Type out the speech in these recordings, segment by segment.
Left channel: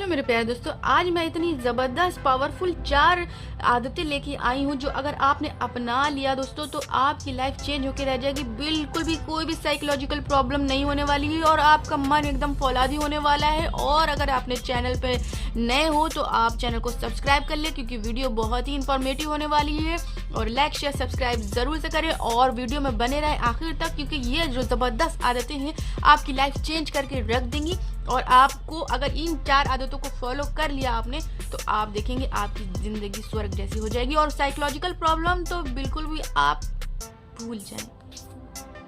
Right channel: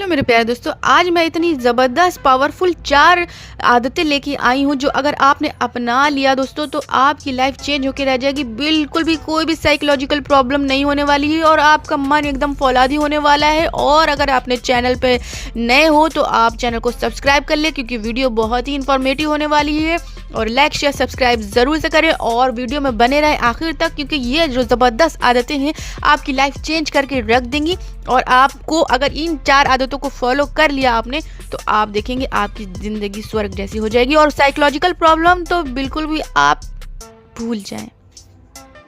Hello मेरे प्यारे दोस्तों, आज मैं इतनी ज़बरदस्त पावरफुल 4 आदतें लेके आई हूँ जो अगर आपने अपना लिया दोस्तों तो आपकी लाइफ चेंज होकर रह जाएगी। बिल्कुल भी कोई भी साइकोलॉजिकल प्रॉब्लम नहीं होने वाली है और आपका मन एकदम फौलादी होने वाला है। और अगर आपने चैनल पे नए हो तो आप चैनल को सब्सक्राइब कर ले क्योंकि वीडियो बहुत ही इंफॉर्मेटिव होने वाली है। और लाइक शेयर सब्सक्राइब ज़रूर से करें और वीडियो में बने रहें आखिर तक क्योंकि ये जो ज़बरदस्त आदतें हैं आपकी लाइफ चेंज करके रख देंगी। और आपको अगर इन 4 आदतों को फॉलो कर लिया आपने तो आप देखेंगे आपकी ज़िंदगी स्वर्ग जैसी हो जाएगी और साइकोलॉजिकल प्रॉब्लम तो बिल्कुल भी आप भूल जाएं।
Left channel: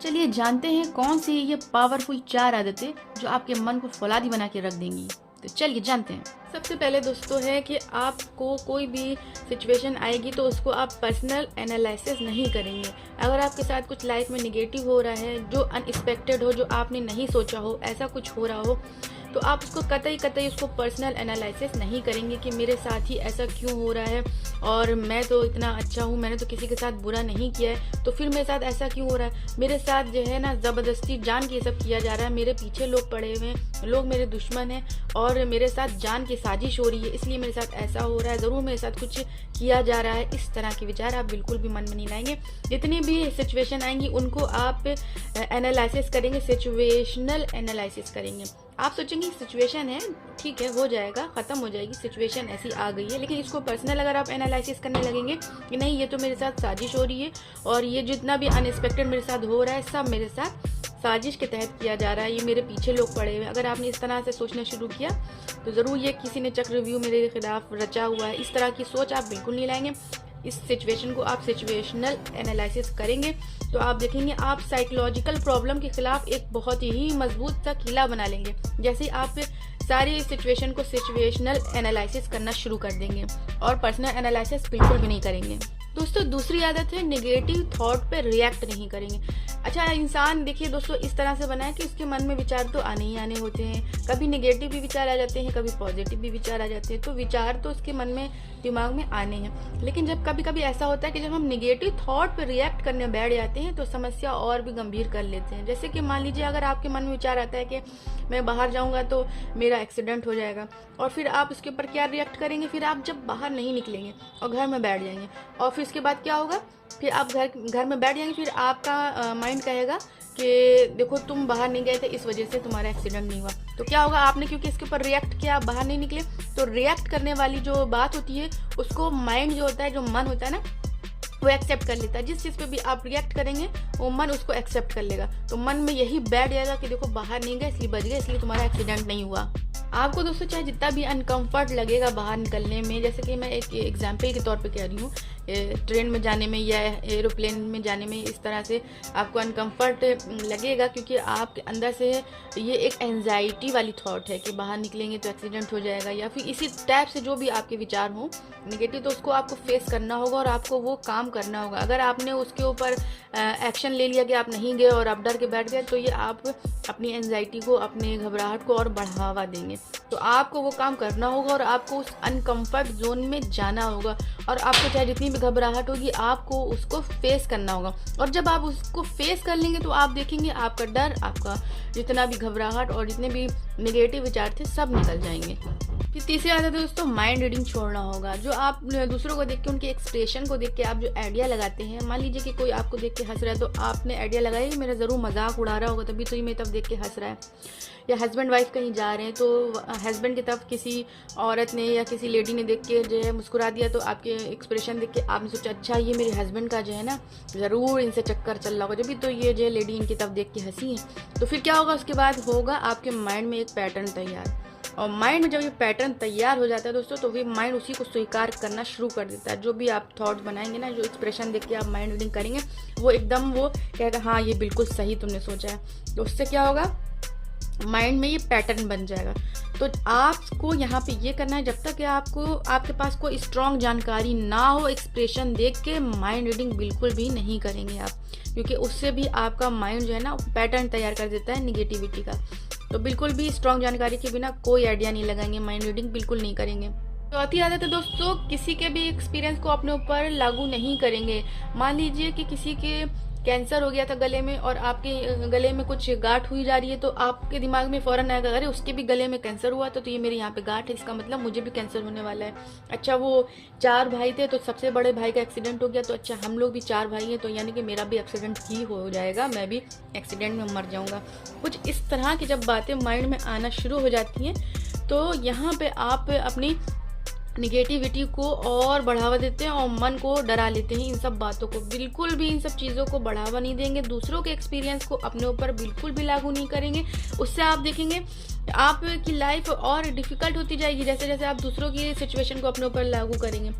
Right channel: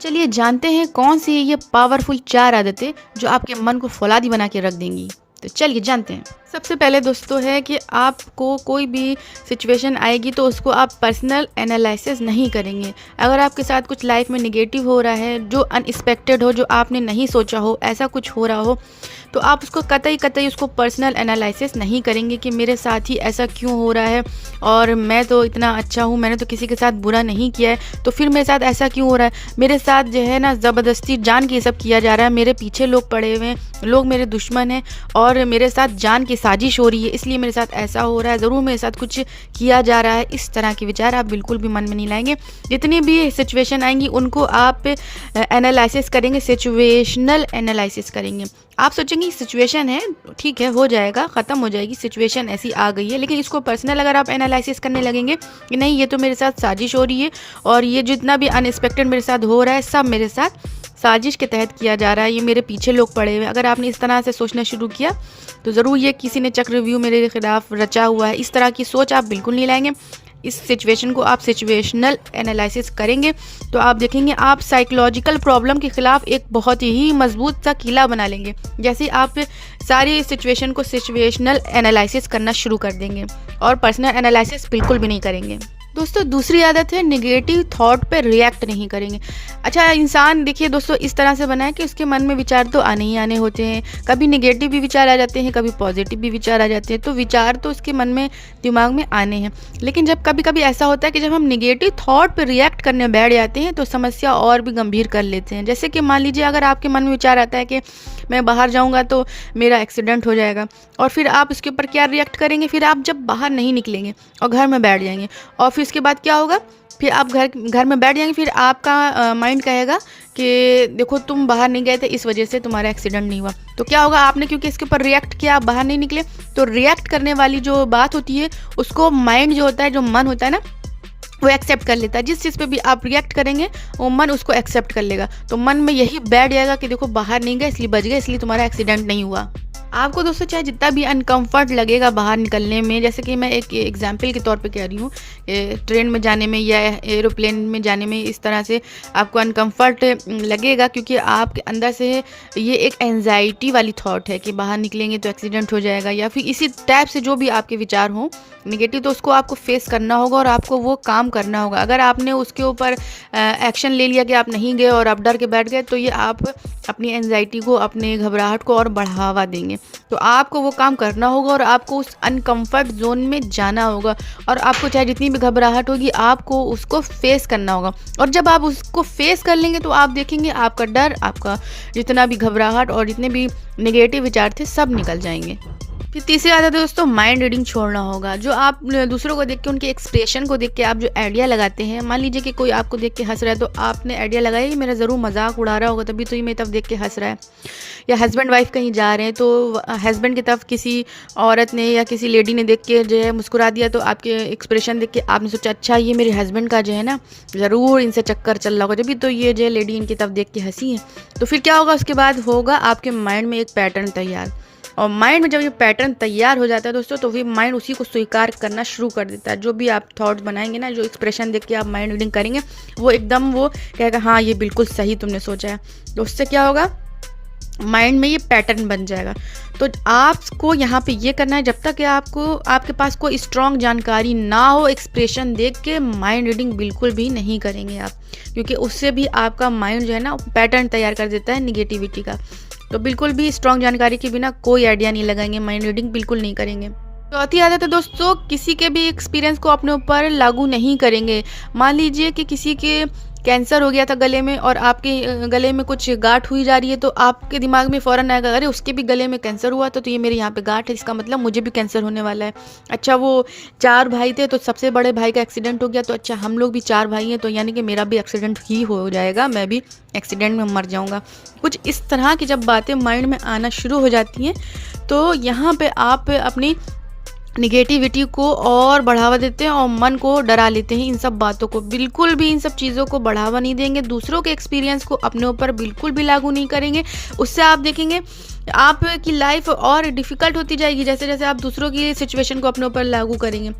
चलिए जानते हैं कौन सी ये पावरफुल 4 आदतें जो आपके मन को फौलादी बना के रख देंगी। तो चलिए जानते हैं। सबसे पहले दोस्तों है कि आपको कोई भी सिचुएशन आएगी तो उसको आप पर्सनल एनालिसिस नहीं करेंगे। अगर आपके साथ कुछ लाइफ में निगेटिव हो रहा है, जो अनएक्सपेक्टेड हो, जो आपने नहीं सोचा हो, ऐसा कुछ हो रहा हो तो आप उसको कतई उसको पर्सनल एनालिसिस नहीं करेंगे कि मेरे साथ ही ऐसा क्यों हो रहा है और मैं तो इतना अच्छा हूँ, मैंने तो किसी के साथ बुरा नहीं किया है तो फिर मेरे साथ ऐसा क्यों हो रहा है। मेरे साथ जो है ना ज़बरदस्ती जान के ये सब किया जा रहा है, मेरे पीछे लोग पड़े हुए हैं, लोग मेरे दुश्मन हैं और मेरे साथ जान की साजिश हो रही है इसलिए मेरे साथ ऐसा हो रहा है, ज़रूर मेरे साथ कुछ किया जा रहा है। इस तरह के विचार आप बिल्कुल भी मन में नहीं लाएंगे। जितनी भी सिचुएशन आएंगी उनको आप एनालिसिस करेंगे, सिचुएशनल एनालिसिस करेंगे। आप सोचेंगे सिचुएशन है, ठीक है, हो जाएगा, ख़त्म हो जाएगी, सिचुएशन ऐसी आ गई है, लेकिन इसको पर्सनल अगर आप एनालिसिस करने लगेंगे कि नहीं ये तो मेरे साथ साजिश हो रही है और ये जितना भी अनएक्सपेक्टेड मेरे साथ हो रहा है सब मेरे साथ साजिश के तहत किया जा रहा है, ये मेरे पीछे लोग पड़े हुए हैं। अगर आपने इस तरह से सोचना शुरू किया तो ज़रूर ये किसी ने चक्रव्यूह मेरे खिलाफ रचा हुआ है, इस तरह की सोच आप बिल्कुल नहीं लाएंगे। इस सिचुएशन को आप सिचुएशनल एनालिसिस करेंगे तो आप देखेंगे आप साइकोलॉजिकल प्रॉब्लम के खिलाफ एक बहुत ही मजबूत सा किला बना लेंगे। जैसे आप सारी सिचुएशन को सिचुएशनल एनालिसिस करना शुरू कर देंगे और पर्सनल एनालिसिस बिल्कुल भी नहीं करेंगे। दोस्तों दूसरी आदत है निगेटिव थॉट पे रिएक्ट नहीं करेंगे। अच्छा, इंसान देखिए दोस्तों इस तरह से बना है कि उसके मन में विचार तो आने ही आने होते हैं, कभी निगेटिव भी विचार आ जाते हैं, कभी पॉजिटिव भी विचार आ जाते हैं, तो विचार तो उसके मन में दिमाग में आने हैं। लेकिन जब कभी कभी ऐसा होता है कि जब हम निगेटिव थॉट पे रिएक्ट करने बैठ जाते हैं तो समस्या और भी गंभीर कर लेते हैं। जैसे कि मान लीजिए अगर आपके मन में विचार आता है कि मैं बाहर जाऊँगा तो मेरा एक्सीडेंट हो जाएगा और फिर आप उसके ऊपर क्या रिएक्ट करेंगे, फिर आप जब बाहर नहीं निकलेंगे और घर में बैठ जाएंगे और फिर उसके बाद क्या होगा, फिर आप घर में बैठ जाएंगे, फिर आपका माइंड कहेगा कि देखो तुम बाहर नहीं गए थे इस वजह से तुम्हारा एक्सीडेंट नहीं हुआ। तो क्या होगा, आपने क्योंकि इसके ऊपर रिएक्ट किया, आप बाहर नहीं निकले, तो रिएक्ट करने वाली जो बात होती है उसको माइंड जो होता है, जो मन होता है ना, वो एक्सेप्ट कर लेता है। जिस चीज़ पे भी आप रिएक्ट करेंगे वो मन उसको एक्सेप्ट कर लेगा। तो मन में यही बैठ जाएगा कि देखो बाहर नहीं गए इसलिए बच गए, इसलिए तुम्हारा एक्सीडेंट नहीं हुआ। आपको दोस्तों चाहे जितना भी अनकंफर्ट लगेगा बाहर निकलने में, जैसे कि मैं एक एग्जांपल के तौर पे कह रही हूँ, ट्रेन में जाने में या एरोप्लेन में जाने में इस तरह से आपको अनकंफर्ट लगेगा क्योंकि आपके अंदर से ये एक एंजाइटी वाली थॉट है कि बाहर निकलेंगे तो एक्सीडेंट हो जाएगा या फिर इसी टाइप से जो भी आपके विचार हों निगेटिव, तो उसको आपको फेस करना होगा और आपको वो काम करना होगा। अगर आपने उसके ऊपर एक्शन ले लिया कि आप नहीं गए और आप डर के बैठ गए तो ये आप अपनी एंजाइटी को, अपने घबराहट को और बढ़ावा देंगे। तो आपको वो काम करना होगा और आपको उस अनकंफर्ट जोन में जाना होगा और आपको चाहे जितनी भी घबराहट होगी आपको उसको फेस करना होगा। और जब आप उसको फेस कर लेंगे तो आप देखेंगे आपका डर, आपका जितना भी घबराहट और जितने भी नेगेटिव विचार थे सब निकल जाएंगे। फिर तीसरी आदत है दोस्तों माइंड रीडिंग छोड़ना होगा। जो आप दूसरों को देख के, उनके एक्सप्रेशन को देख के आप जो आइडिया लगाते हैं, मान लीजिए कि कोई आपको देख के हंस रहा है तो आपने आइडिया लगाया कि मेरा ज़रूर मजाक उड़ा रहा होगा तभी तो ये मेरी तरफ देख के हंस रहा है। या हस्बैंड वाइफ कहीं जा रहे हैं तो हस्बैंड की तरफ किसी औरत ने या किसी लेडी ने देख के जो है मुस्कुरा दिया तो आपके एक्सप्रेशन देख के आपने सोचा अच्छा ये मेरे हस्बैंड का जो है ना ज़रूर इनसे चक्कर चल रहा होगा जब तो ये जो है लेडी इनकी तरफ देख के हंसी है। तो फिर क्या होगा, उसके बाद होगा आपके माइंड में एक पैटर्न तैयार। और माइंड में जब ये पैटर्न तैयार हो जाता है दोस्तों तो फिर माइंड उसी को स्वीकार करना शुरू कर देता है। जो भी आप थॉट्स बनाएंगे ना, जो एक्सप्रेशन देख के आप माइंड रीडिंग करेंगे वो एकदम वो कहेगा हाँ ये बिल्कुल सही तुमने सोचा है। तो उससे क्या होगा, माइंड में ये पैटर्न बन जाएगा। तो आपको यहाँ पे ये करना है, जब तक कि आपके पास कोई स्ट्रॉन्ग जानकारी ना हो, एक्सप्रेशन देख के माइंड रीडिंग बिल्कुल भी नहीं करेंगे आप, क्योंकि उससे भी आपका माइंड जो है ना पैटर्न तैयार कर देता है निगेटिविटी का। तो बिल्कुल भी स्ट्रॉन्ग जानकारी के बिना कोई आइडिया नहीं लगाएंगे, माइंड रीडिंग बिल्कुल नहीं करेंगे। चौथी आदत है दोस्तों किसी के भी एक्सपीरियंस को अपने ऊपर लागू नहीं करेंगे। मान लीजिए कि किसी के कैंसर हो गया था गले में और आपके गले में कुछ गांठ हुई जा रही है, तो आपके दिमाग में फ़ौरन आएगा अरे उसके भी गले में कैंसर हुआ था, तो ये मेरे यहाँ पे गांठ है, इसका मतलब मुझे भी कैंसर होने वाला है। अच्छा वो 4 भाई थे तो सबसे बड़े भाई का एक्सीडेंट हो गया, तो अच्छा हम लोग भी 4 भाई हैं तो यानी कि मेरा भी एक्सीडेंट ही हो जाएगा, मैं भी एक्सीडेंट में मर जाऊँगा। कुछ इस तरह की जब बातें माइंड में आना शुरू हो जाती हैं तो यहाँ पे आप अपनी निगेटिविटी को और बढ़ावा देते हैं और मन को डरा लेते हैं इन सब बातों को। बिल्कुल भी इन सब चीज़ों को बढ़ावा नहीं देंगे, दूसरों के एक्सपीरियंस को अपने ऊपर बिल्कुल भी लागू नहीं करेंगे। उससे आप देखेंगे आपकी लाइफ और डिफ़िकल्ट होती जाएगी जैसे जैसे आप दूसरों की सिचुएशन को अपने ऊपर लागू करेंगे।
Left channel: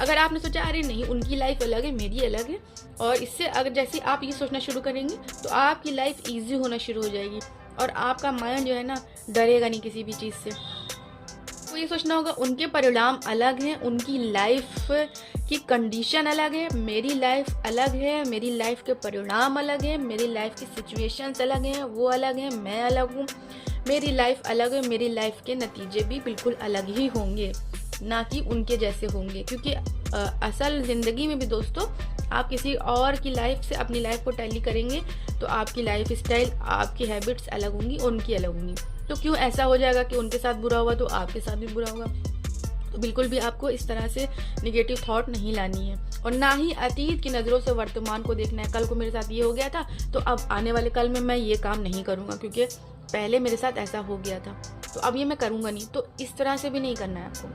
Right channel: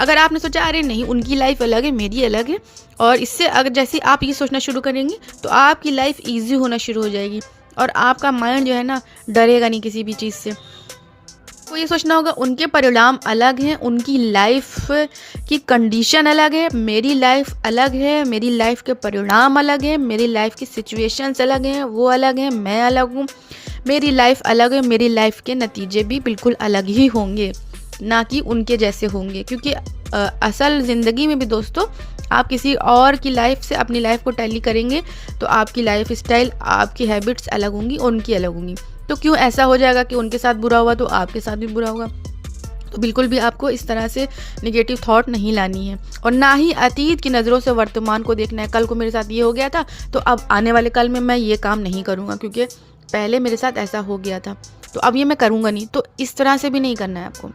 अगर आपने सोचा अरे नहीं उनकी लाइफ अलग है मेरी अलग है, और इससे अगर जैसे आप ये सोचना शुरू करेंगे तो आपकी लाइफ ईजी होना शुरू हो जाएगी और आपका माइंड जो है ना डरेगा नहीं किसी भी चीज़ से। तो ये सोचना होगा उनके परिणाम अलग हैं, उनकी लाइफ की कंडीशन अलग है, मेरी लाइफ अलग है, मेरी लाइफ के परिणाम अलग हैं, मेरी लाइफ की सिचुएशंस अलग हैं, वो अलग हैं, मैं अलग हूँ, मेरी लाइफ अलग है, मेरी लाइफ के नतीजे भी बिल्कुल अलग ही होंगे, ना कि उनके जैसे होंगे। क्योंकि असल ज़िंदगी में भी दोस्तों आप किसी और की लाइफ से अपनी लाइफ को टैली करेंगे तो आपकी लाइफ स्टाइल, आपकी हैबिट्स अलग होंगी, उनकी अलग होंगी। तो क्यों ऐसा हो जाएगा कि उनके साथ बुरा हुआ तो आपके साथ भी बुरा होगा। तो बिल्कुल भी आपको इस तरह से नेगेटिव थॉट नहीं लानी है और ना ही अतीत की नज़रों से वर्तमान को देखना है। कल को मेरे साथ ये हो गया था तो अब आने वाले कल में मैं ये काम नहीं करूँगा क्योंकि पहले मेरे साथ ऐसा हो गया था तो अब ये मैं करूँगा नहीं। तो इस तरह से भी नहीं करना है आपको।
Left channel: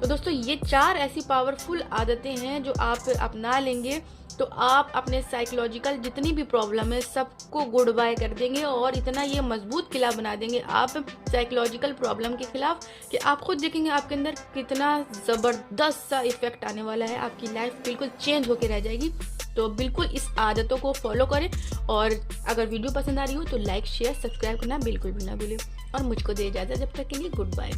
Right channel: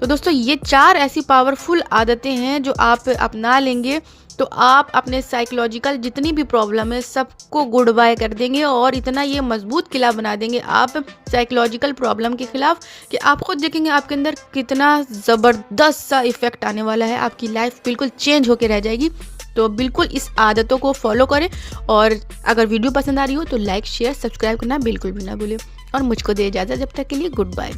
तो दोस्तों ये 4 ऐसी पावरफुल आदतें हैं जो आप अपना लेंगे तो आप अपने साइकोलॉजिकल जितनी भी प्रॉब्लम है सबको गुड बाय कर देंगे और इतना ये मजबूत किला बना देंगे आप साइकोलॉजिकल प्रॉब्लम के खिलाफ कि आप खुद देखेंगे आपके अंदर कितना ज़बरदस्त सा इफेक्ट आने वाला है। आपकी लाइफ बिल्कुल चेंज होकर रह जाएगी। तो बिल्कुल इस आदतों को फॉलो करें और अगर वीडियो पसंद आ रही हो तो लाइक शेयर सब्सक्राइब करना बिल्कुल भी ना भूलें और मुझको दे इजाज़त। जब तक के लिए गुड बाय।